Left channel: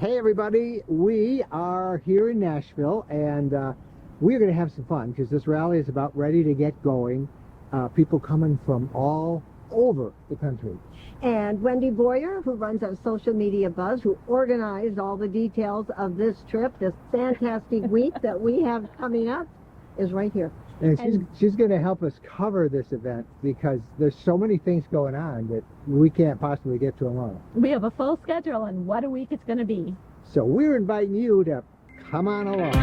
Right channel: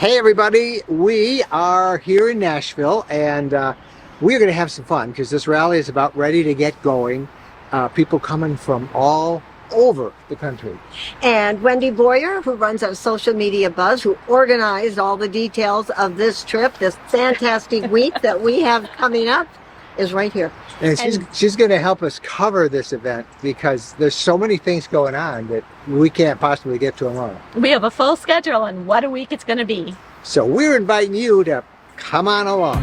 Hey everybody, we are here in Nashville and we're going to have some fun because this rally is about ready to get going. People coming from all over the country. And Wendy Boyer, who runs our social media buzz, who organized all the details of this trip, this fantastic week that we have coming up, is right here. And she's going to help us cover this event because there's so many things going on that we can't possibly get to alone. We have a full schedule and what a week it's going to be. So we're inviting you to come on along.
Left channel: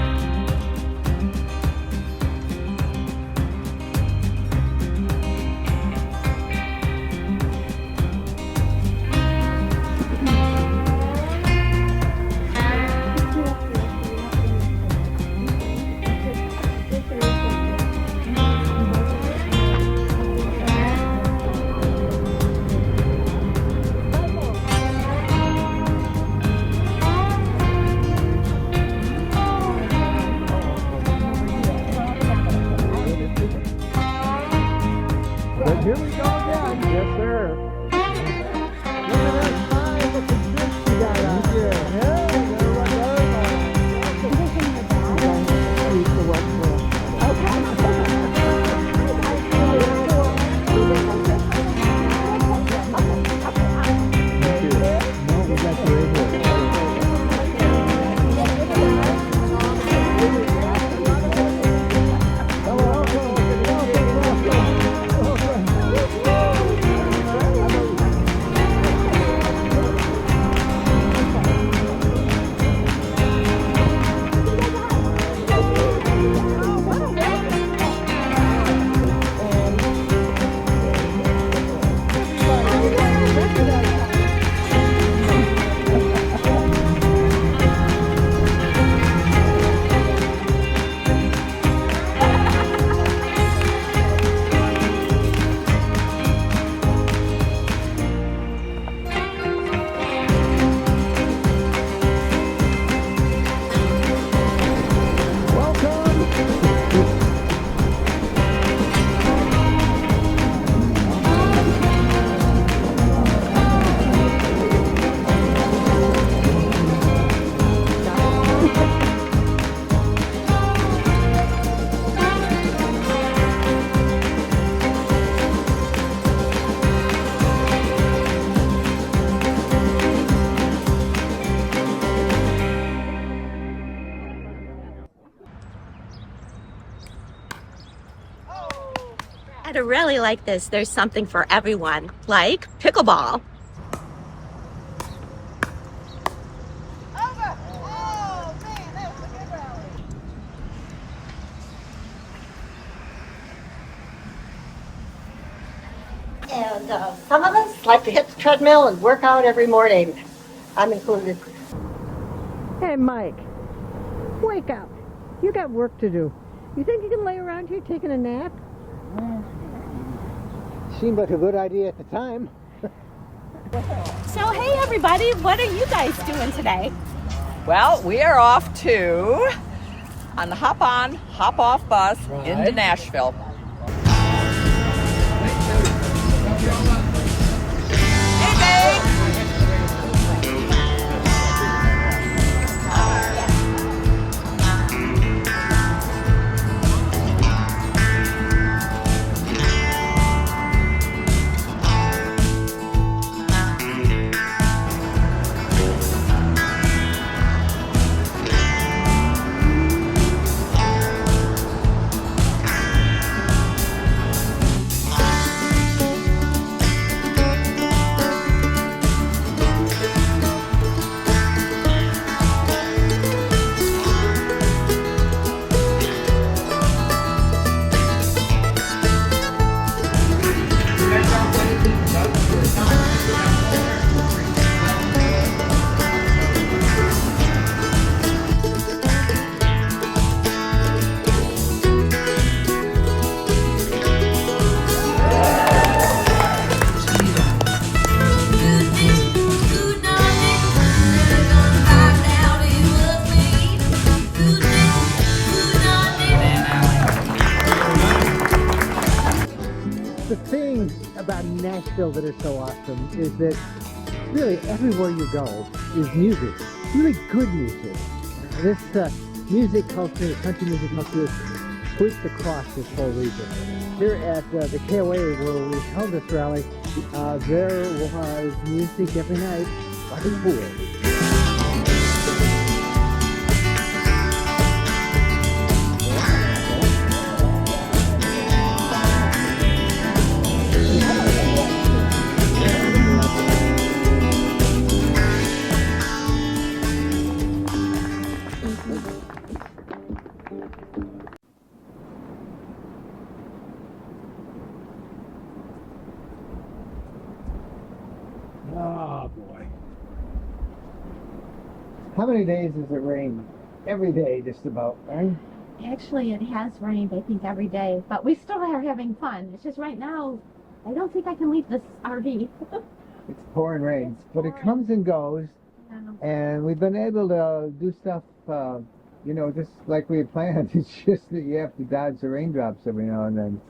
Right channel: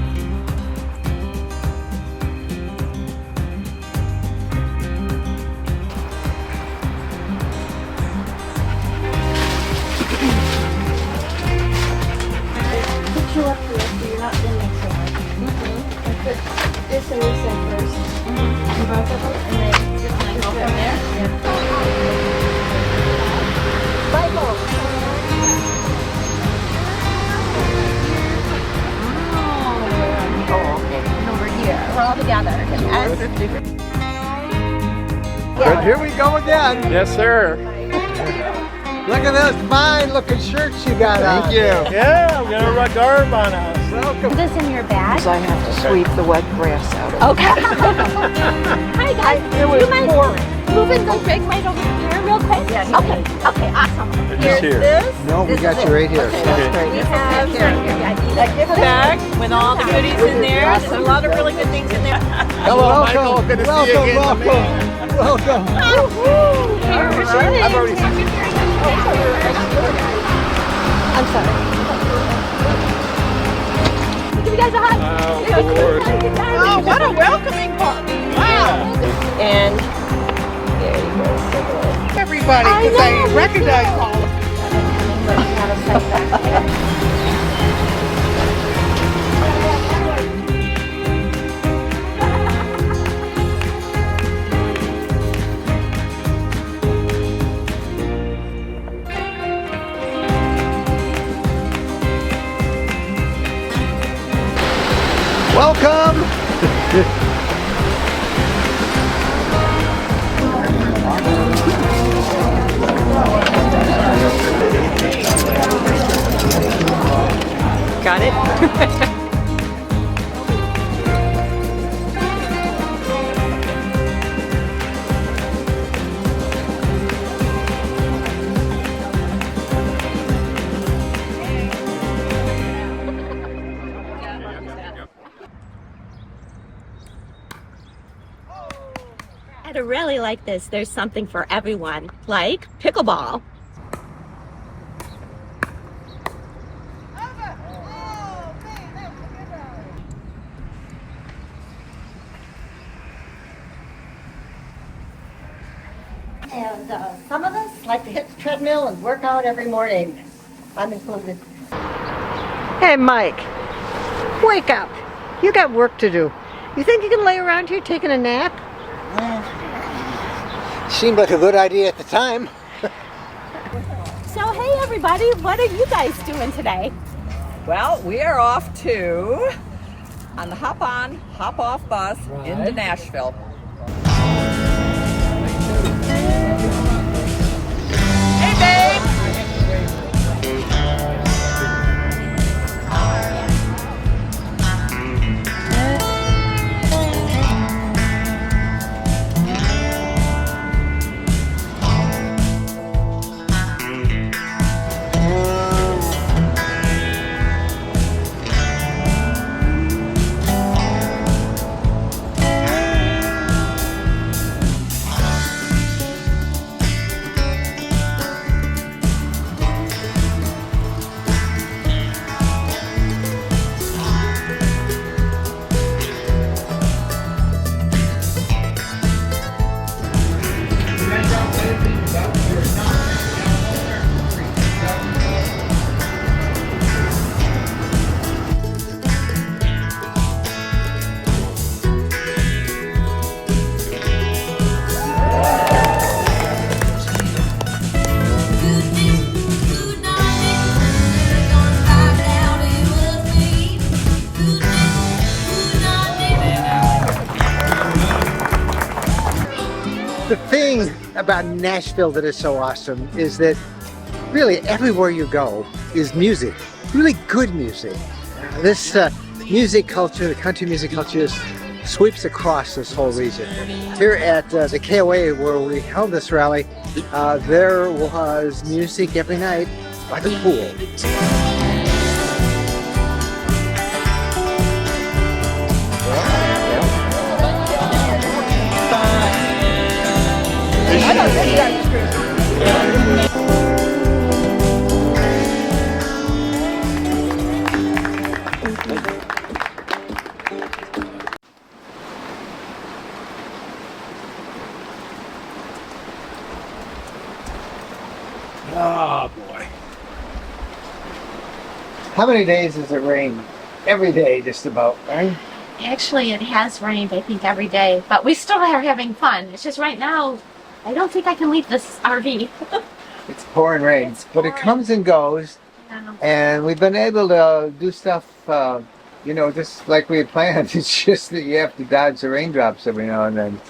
But here we go again. Yes, sir. Look at those fine looking shirts you got on. Thank you. Yeah, I'm going to run garb on us. Is this in your bag? I have to sweep the wet grass out. Okay. Hi guys. Do you mind moving those big items real quick? Okay. Okay. Awesome. Just here. No, we got you right here. We have a gift bag with all the goodies in there. There's a lot of really good things in there. Hello, Michael. Good to see you again. Welcome. I've already I'm sorry. Give you guys a hug. Oh, what a welcoming one. Wow. And everybody. I recognize all. Welcome. got it. At a rally like this, there's something for everyone, like pickleball. And some of us like to hit the treadmill and work out every morning. I'm included. Hey, Mike, wake up. You got work to do. You think you can lay around here taking a nap? Seemed like a good idea at the time. So hey everybody, what are you guys doing today? Well, we are off on the hop on, hop off bus into Nashville. The thing about Nashville that is so awesome is that really everywhere you go is music. really good music. This music culture, the country music culture, sweeps across this whole region. Here at the KOA where we held this rally, there was music every night by the pool. Oh boy. How many days has it rained? Every day, just about, right? Actually, it has rained, I think, every day, but we still are having fun. It's just right now, I don't think I can leave this RV. It's pouring rain, but it comes and goes, and we've been able to do stuff, you know, just like we had planned. It's just that you have to dodge the raindrops every now and then.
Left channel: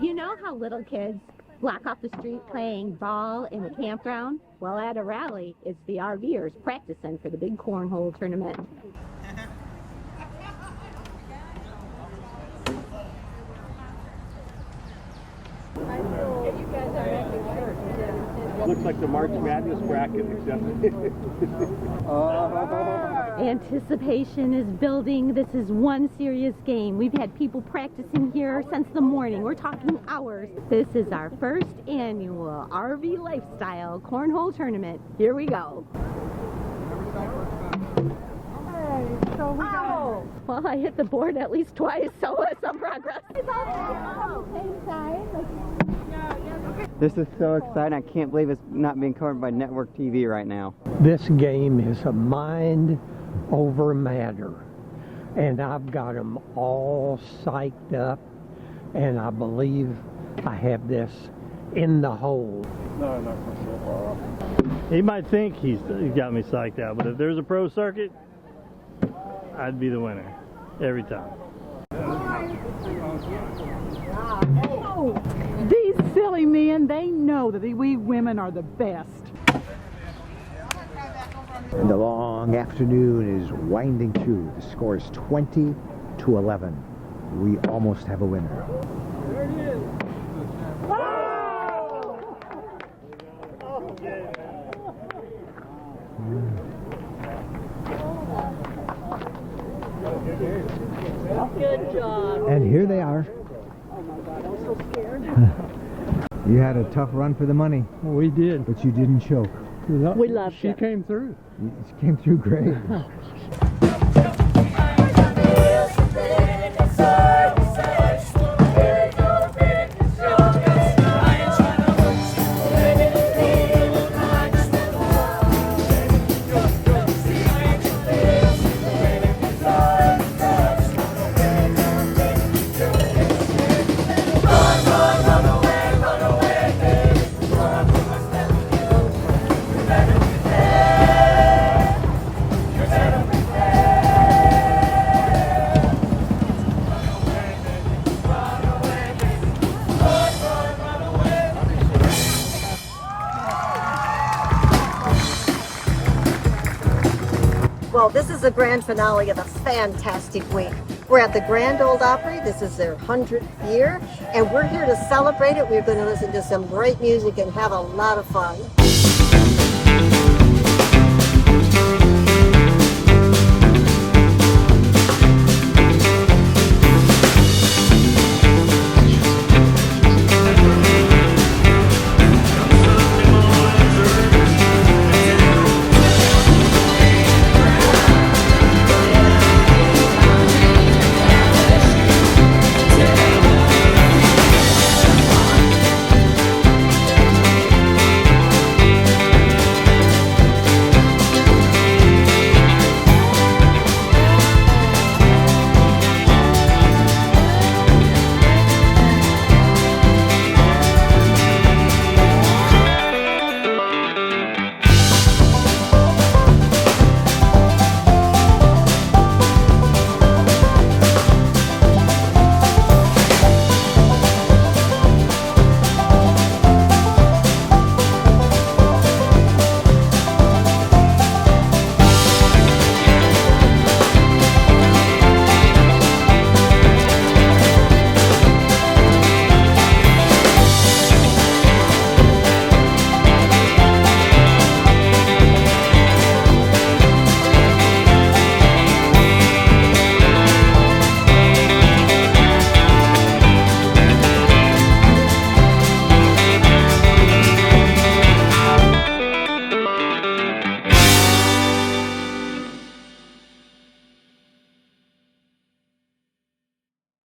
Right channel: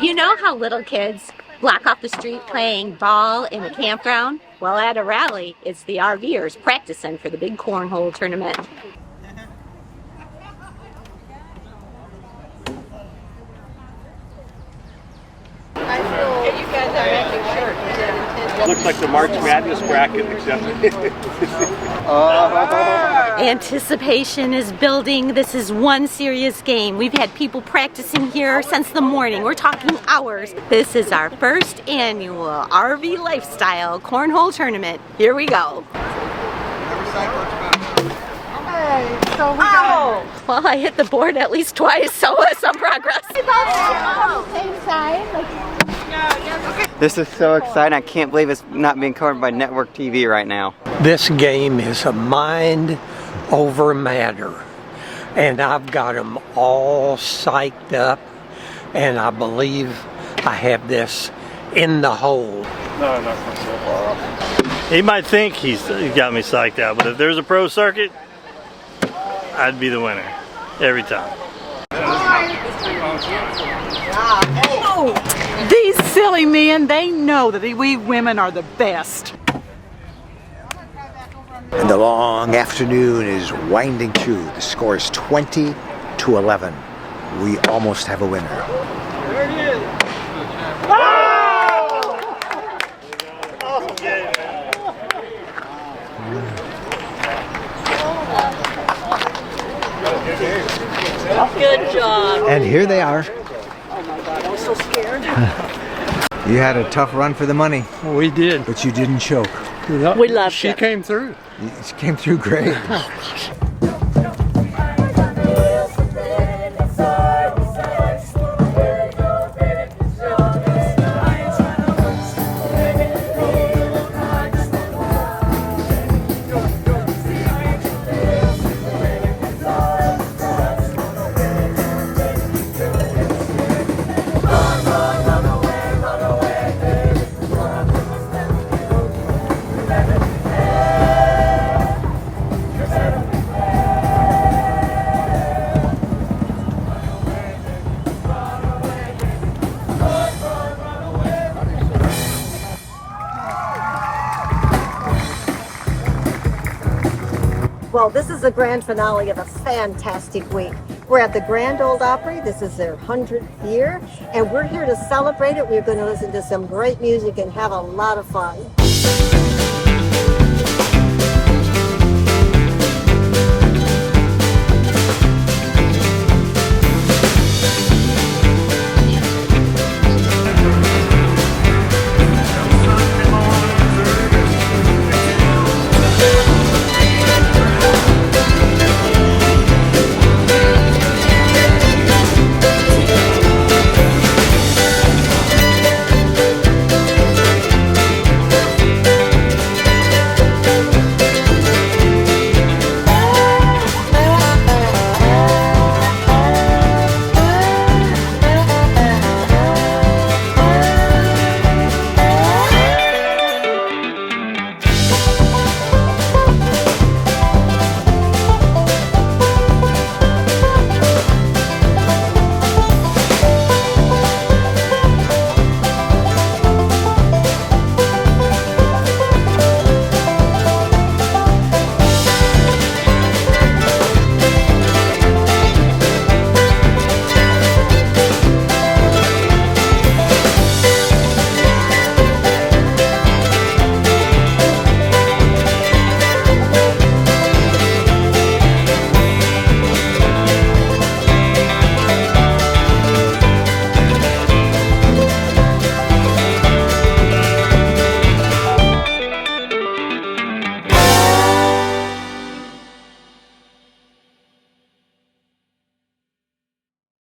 You know how little kids block off the street playing ball in a campground? Well, at a rally, it's the RVers practicing for the big cornhole tournament. Looks like the March Madness bracket, except. Anticipation is building. This is one serious game. We've had people practicing here since the morning. We're talking hours. This is our first annual RV Lifestyle Cornhole Tournament. Here we go. Oh! Well, I hit the board at least twice, so some progress. This is so exciting. I can't believe it's not being covered by network TV right now. This game is a mind over matter, and I've got them all psyched up, and I believe I have this in the hole. No, not so far off. He might think he's got me psyched out, but if there's a pro circuit, I'd be the winner every time. These silly men, they know that we women are the best. And the long afternoon is winding through. The score is 20-11. We almost have a winner. There he is. Awesome game, Good job. And here they are. Oh my God, I was so scared. You had a tough run for the money, We did. but you didn't choke. We loved She it. came through. You came through great. Well, this is the grand finale of a fantastic week. We're at the Grand Ole Opry. This is their 100th year, and we're here to celebrate it. We're going to listen to some great music and have a lot of fun.